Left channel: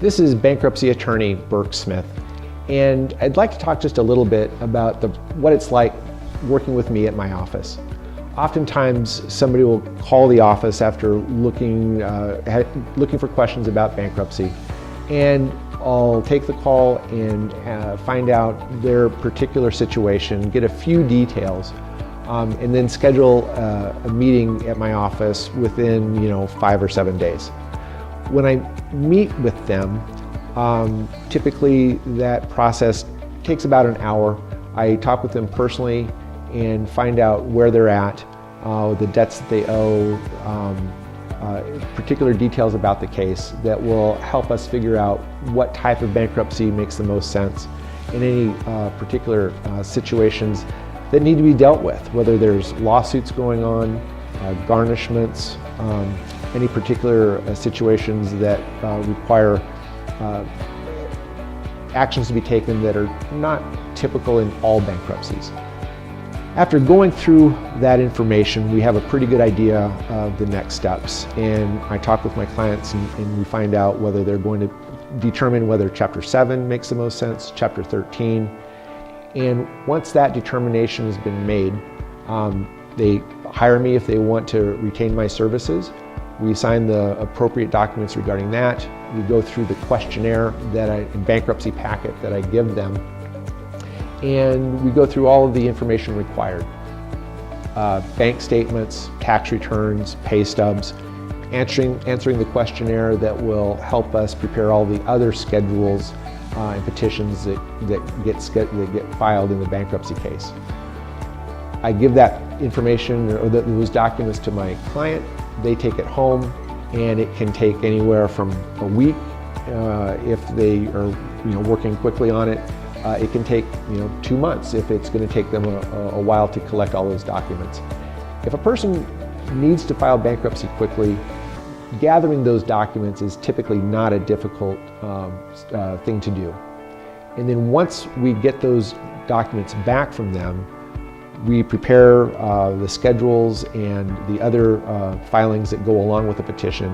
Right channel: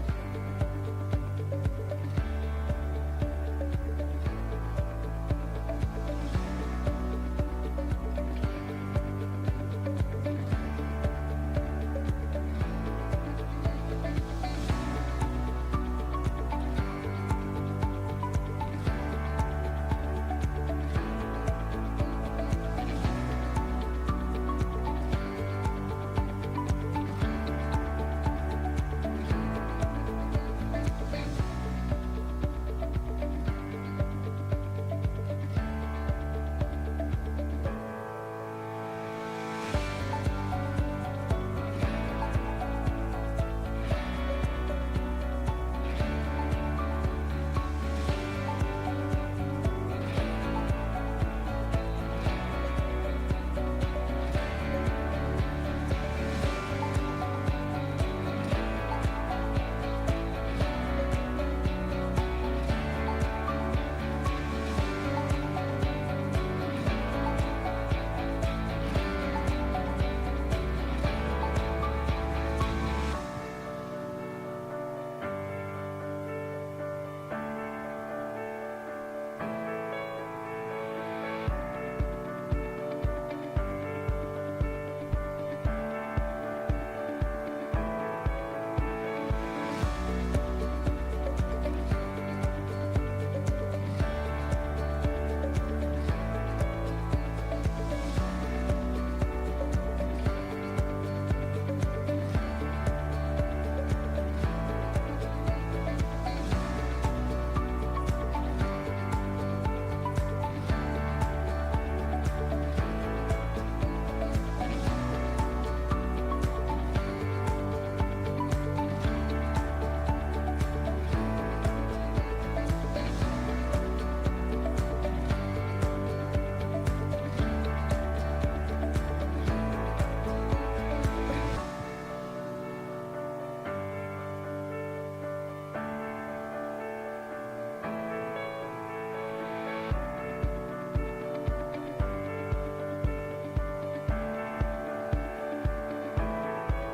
This is bankruptcy attorney Burke Smith, and I'd like to talk just a little bit about what it's like working with me at my office. Oftentimes, somebody will call the office after looking for questions about bankruptcy, and I'll take the call and find out their particular situation, get a few details, and then schedule a meeting at my office within 5 or 7 days. When I meet with them, typically that process takes about an hour. I talk with them personally and find out where they're at, the debts that they owe, particular details about the case that will help us figure out what type of bankruptcy makes the most sense in any particular situations that need to be dealt with, whether there's lawsuits going on, garnishments, any particular situations that require actions to be taken that are not typical in all bankruptcies. After going through that information, we have a pretty good idea of the next steps, and I talk with my clients and we find out whether they're going to determine whether Chapter 7 makes the most sense, Chapter 13, and once that determination has been made, they hire me if they want to retain my services. We sign the appropriate documents regarding that. We go through the questionnaire bankruptcy packet that I give them, and we go through all of the information required. Bank statements, tax returns, pay stubs, answering the questionnaire that will help us prepare all the other schedules and petitions that get filed in the bankruptcy case. I give that information or those documents to my client. They take it home, and it can take anywhere from a week if they are working quickly on it. It can take 2 months if it's going to take them a while to collect all those documents. If a person needs to file bankruptcy quickly, gathering those documents is typically not a difficult thing to do. And then once we get those documents back from them, we prepare the schedules and the other filings that go along with the petition.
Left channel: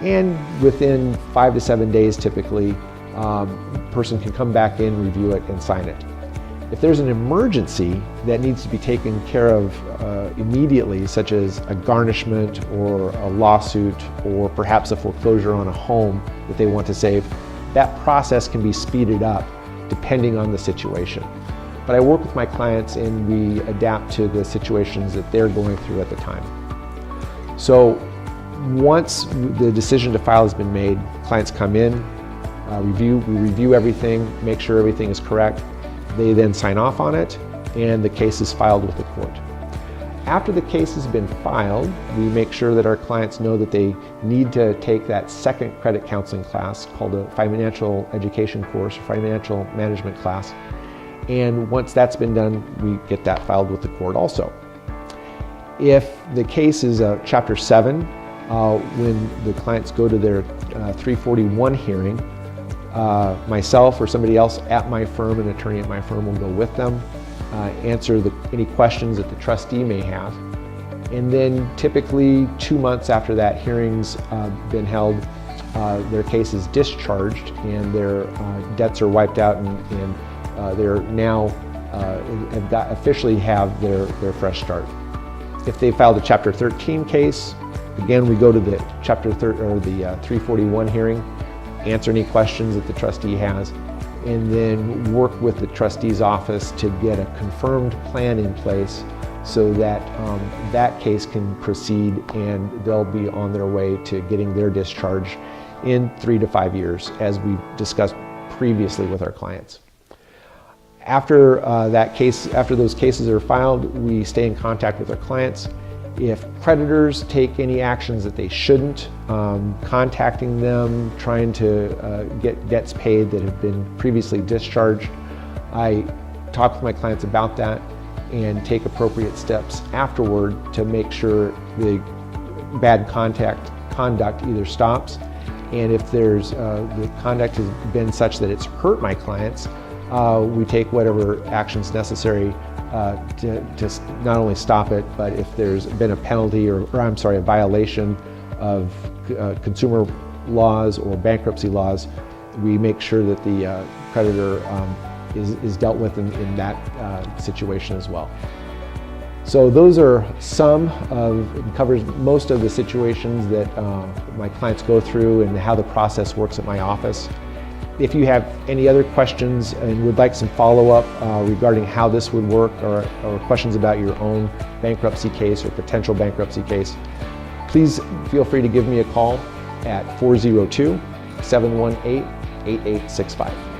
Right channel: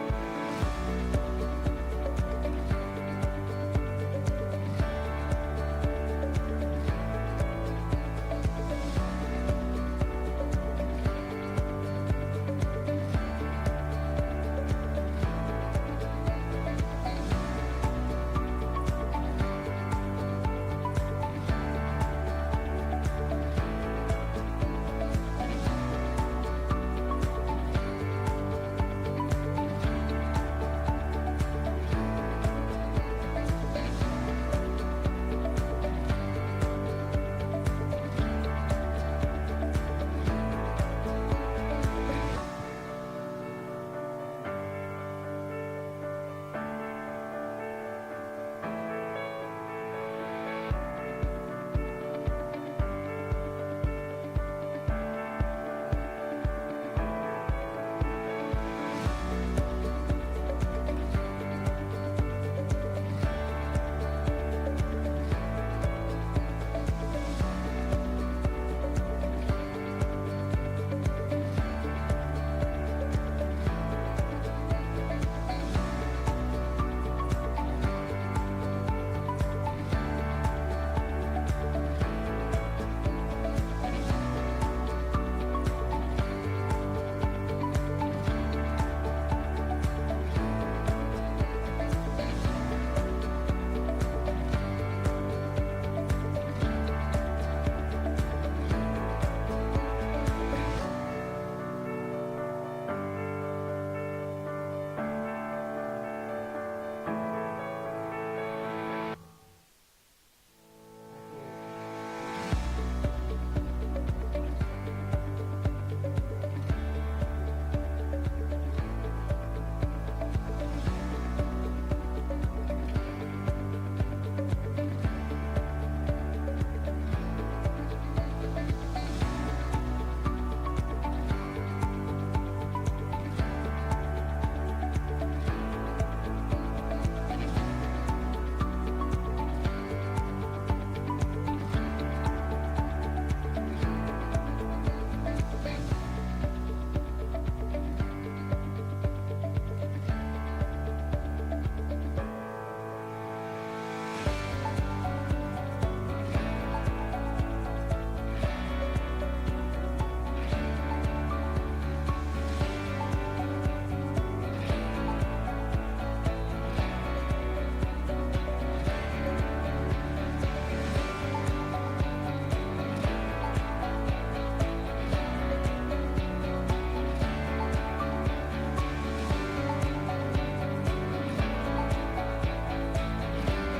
And within 5 to 7 days, typically, a person can come back in, review it, and sign it. If there's an emergency that needs to be taken care of immediately, such as a garnishment or a lawsuit or perhaps a foreclosure on a home that they want to save, that process can be speeded up depending on the situation. But I work with my clients and we adapt to the situations that they're going through at the time. So once the decision to file has been made, clients come in, we review everything, make sure everything is correct. They then sign off on it, and the case is filed with the court. After the case has been filed, we make sure that our clients know that they need to take that second credit counseling class called a financial education course, financial management class. And once that's been done, we get that filed with the court also. If the case is a Chapter 7, when the clients go to their 341 hearing, myself or somebody else at my firm, an attorney at my firm, will go with them, answer any questions that the trustee may have. And then typically 2 months after that hearing's been held, their case is discharged and their debts are wiped out, and they're now officially have their fresh start. If they filed a Chapter 13 case, again we go to the Chapter 341 hearing, answer any questions that the trustee has, and then work with the trustee's office to get a confirmed plan in place so that that case can proceed and they'll be on their way to getting their discharge in 3 to 5 years, as we discussed previously with our clients. After those cases are filed, we stay in contact with our clients. If creditors take any actions that they shouldn't, contacting them, trying to get debts paid that have been previously discharged, I talk with my clients about that and take appropriate steps afterward to make sure the bad conduct either stops, and if the conduct has been such that it's hurt my clients, we take whatever actions necessary to not only stop it, but if there's been a penalty or a violation of consumer laws or bankruptcy laws, we make sure that the creditor is dealt with in that situation as well. So those are it covers most of the situations that my clients go through and how the process works at my office. If you have any other questions and would like some follow-up regarding how this would work, or questions about your own bankruptcy case or potential bankruptcy case, please feel free to give me a call at 402-718-8865.